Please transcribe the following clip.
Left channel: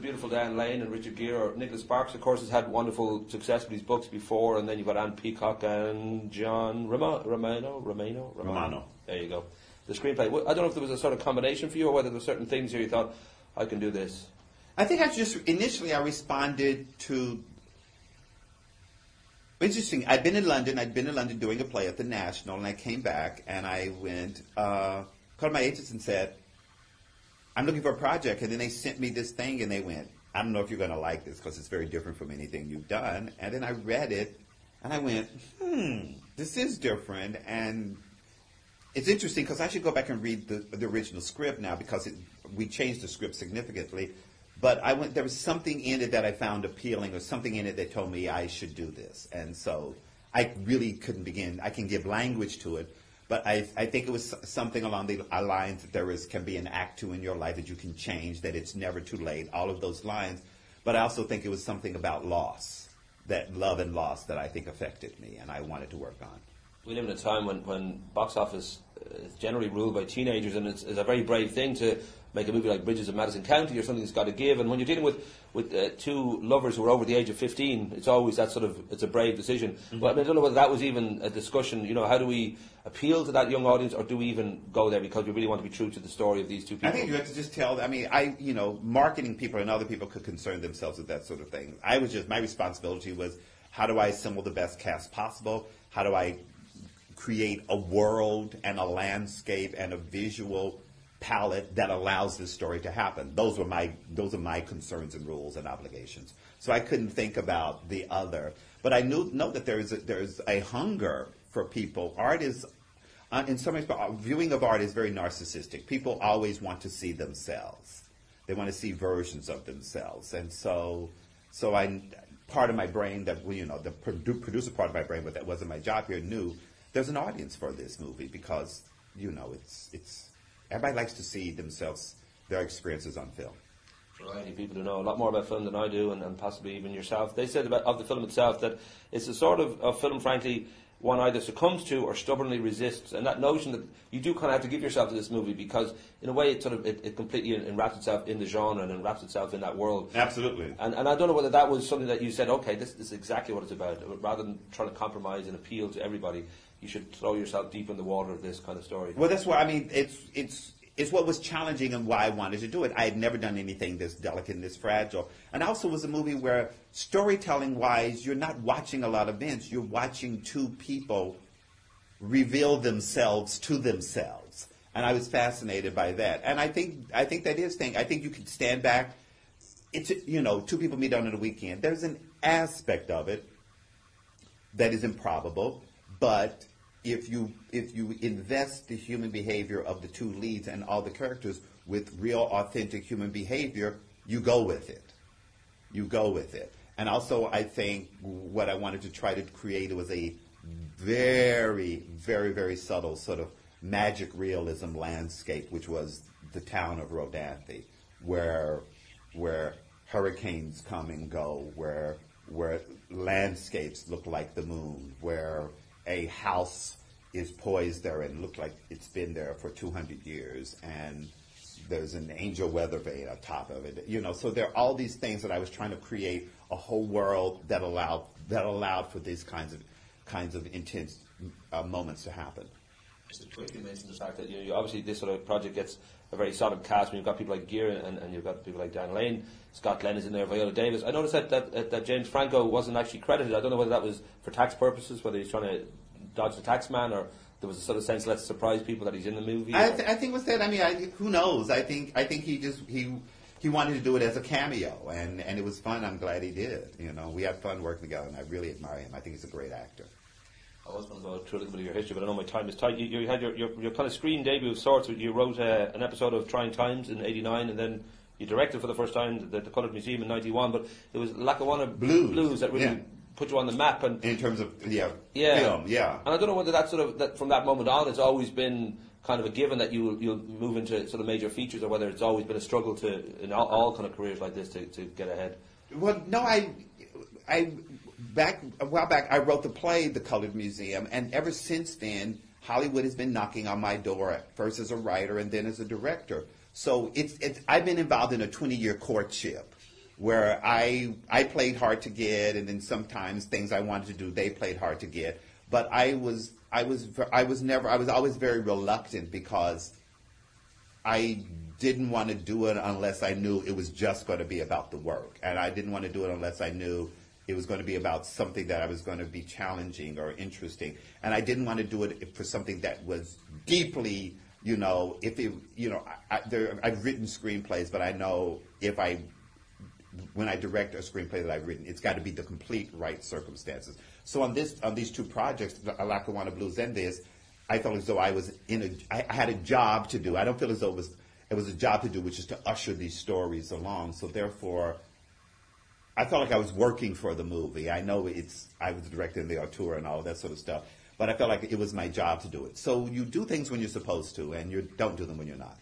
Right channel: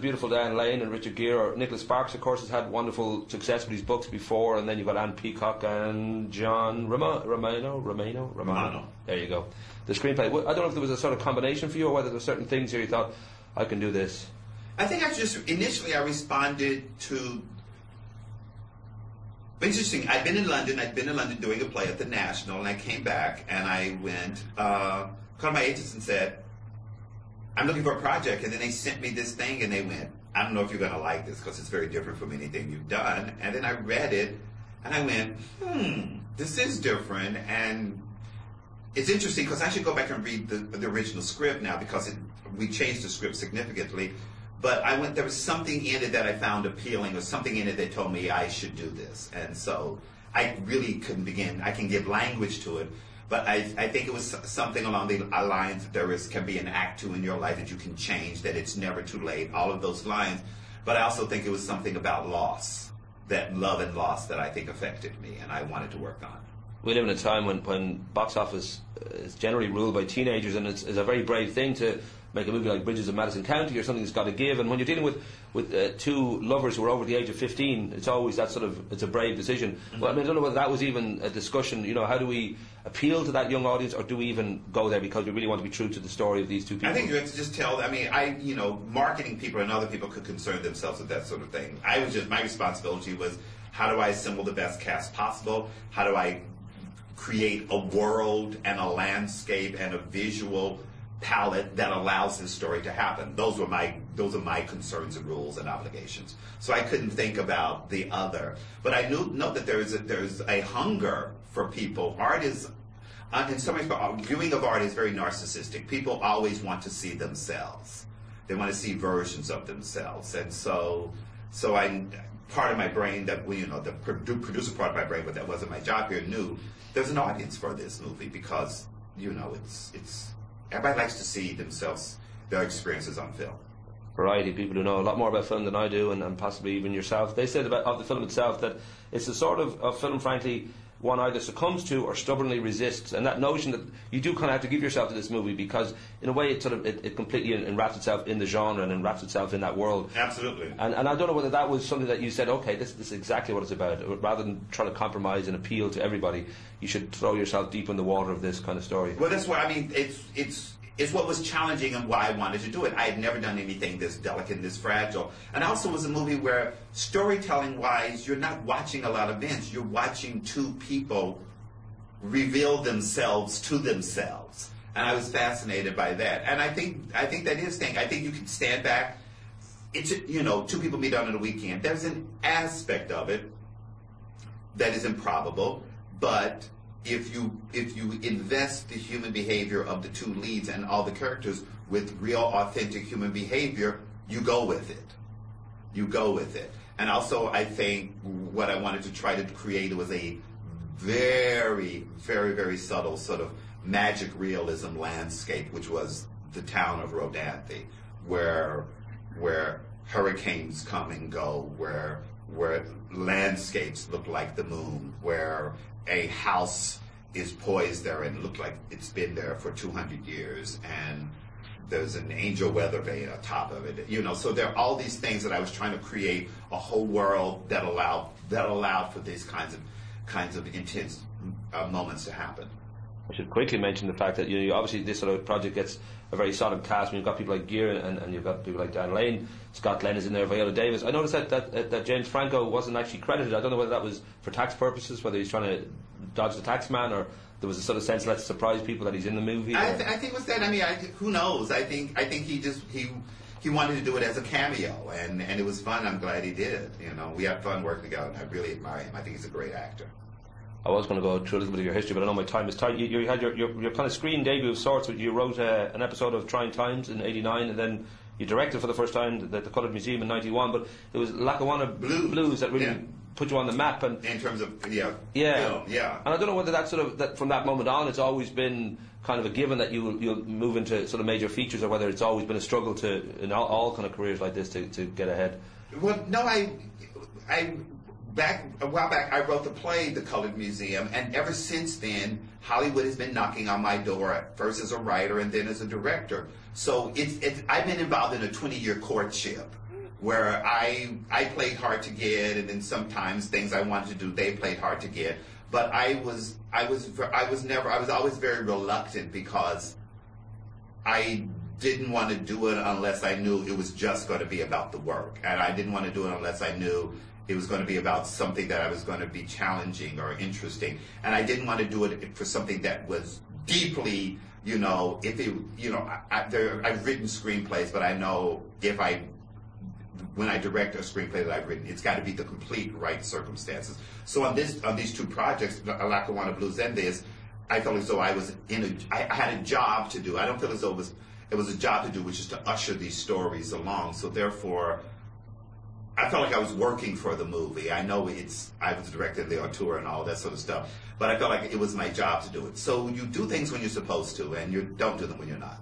beautiful Diane Lane and Richard Gere. Or Nicholas Sparks, of course, has had wonderful success with his books before, and then you've got Anne Peacock and John Romano. There you go. The screenplay. I don't know if there was a sort of combination for you, or whether there were certain things here you thought, I can do this. I think initially I responded to. Interesting. I'd been in London doing a play at the National, and I came back and I went, called my agents and said, I'm looking for a project, and then they sent me this thing, and they went, I don't know if you're going to like this because it's very different from anything you've done. And then I read it, and I went, this is different, and it's interesting because I should go back and read the original script now because we changed the script significantly. But there was something in it that I found appealing, or something in it that told me I should do this. And so I really couldn't begin. I can give language to it, but I think it was something along the lines that can be an act 2 in your life that you can change, that it's never too late, all of those lines. But I also think it was something about loss, that love and loss that I think affected me and I wanted to work on. We live in a time when box office is generally ruled by teenagers, and it's a very brave thing to make a movie like Bridges of Madison County or something that's got to give. And when you're dealing with two lovers who are over the age of 15, it's always that it's a brave decision. Mm-hmm. Well, I don't know whether that was even a discussion. How do we appeal to that young audience, or do we even go there because we really want to be true to the story of these two people? I think you have to just tell. Marketing people and other people could concern themselves with that sort of thing. My responsibility was, how do I assemble the best cast possible? How do I create a world and a landscape and a visual palette that allows this story to happen? Those are my concerns and rules and obligations. So I couldn't think about the other. But I know that there's a hunger for people. Art is, in some ways, viewing of art is very narcissistic. People always want to see themselves. They want to see versions of themselves. And so part of my brain the producer part of my brain, but that wasn't my job here, knew there's an audience for this movie because, it's everybody likes to see themselves, their experiences on film. Variety, people who know a lot more about film than I do, and possibly even yourself, they said of the film itself that it's a sort of film, frankly, one either succumbs to or stubbornly resists. And that notion that you do kind of have to give yourself to this movie because, in a way, it completely enwraps itself in the genre and enwraps itself in that world. Absolutely. And I don't know whether that was something that you said, okay, this is exactly what it's about. Rather than trying to compromise and appeal to everybody, you should throw yourself deep in the water of this kind of story. Well, that's why, it's what was challenging and why I wanted to do it. I had never done anything this delicate and this fragile. And also it was a movie where, storytelling-wise, you're not watching a lot of events. You're watching two people reveal themselves to themselves. And I was fascinated by that. And I think that is thing. I think you can stand back. It's, two people meet on a weekend. There's an aspect of it that is improbable, but if you invest the human behavior of the two leads and all the characters with real, authentic human behavior, you go with it. You go with it. And also, I think what I wanted to try to create was a very, very, very subtle sort of magic realism landscape, which was the town of Rodanthe, where hurricanes come and go, where landscapes look like the moon, where a house is poised there and look like it's been there for 200 years, and there's an angel weather vane on top of it. So there are all these things that I was trying to create a whole world that allowed for these kinds of intense moments to happen. I should quickly mention the fact that obviously this sort of project gets a very solid cast. When you've got people like Gere and you've got people like Dan Lane, Scott Glenn is in there, Viola Davis. I noticed that James Franco wasn't actually credited. I don't know whether that was for tax purposes, whether he's trying to dodge the tax man, or there was a sort of sense, let's surprise people that he's in the movie. I think it was that. Who knows? I think he wanted to do it as a cameo, and it was fun. I'm glad he did. We had fun working together, and I really admire him. I think he's a great actor. I was going to go through a little bit of your history, but I know my time is tight. You had your kind of screen debut of sorts. You wrote an episode of Trying Times in '89, and then you directed for the first time the Colored Museum in '91. But there was Lackawanna Blues that really put you on the map. And in terms of film, And I don't know whether that from that moment on, it's always been kind of a given that you'll move into sort of major features, or whether it's always been a struggle in all kind of careers like this to get ahead. Well, no, a while back, I wrote the play, The Colored Museum, and ever since then, Hollywood has been knocking on my door, first as a writer and then as a director. So I've been involved in a 20-year courtship where I played hard to get, and then sometimes things I wanted to do, they played hard to get. But I was always very reluctant because I didn't want to do it unless I knew it was just going to be about the work, and I didn't want to do it unless I knew it was going to be about something that I was going to be challenging or interesting, and I didn't want to do it for something that was deeply, I've written screenplays, but I know when I direct a screenplay that I've written, it's got to be the complete right circumstances. So on these two projects, Lackawanna Blues and this, I felt as though I had a job to do. I don't feel as though it was a job to do, which is to usher these stories along. So therefore, I felt like I was working for the movie. I know I was directing the auteur and all that sort of stuff, but I felt like it was my job to do it. So you do things when you're supposed to, and you don't do them when you're not.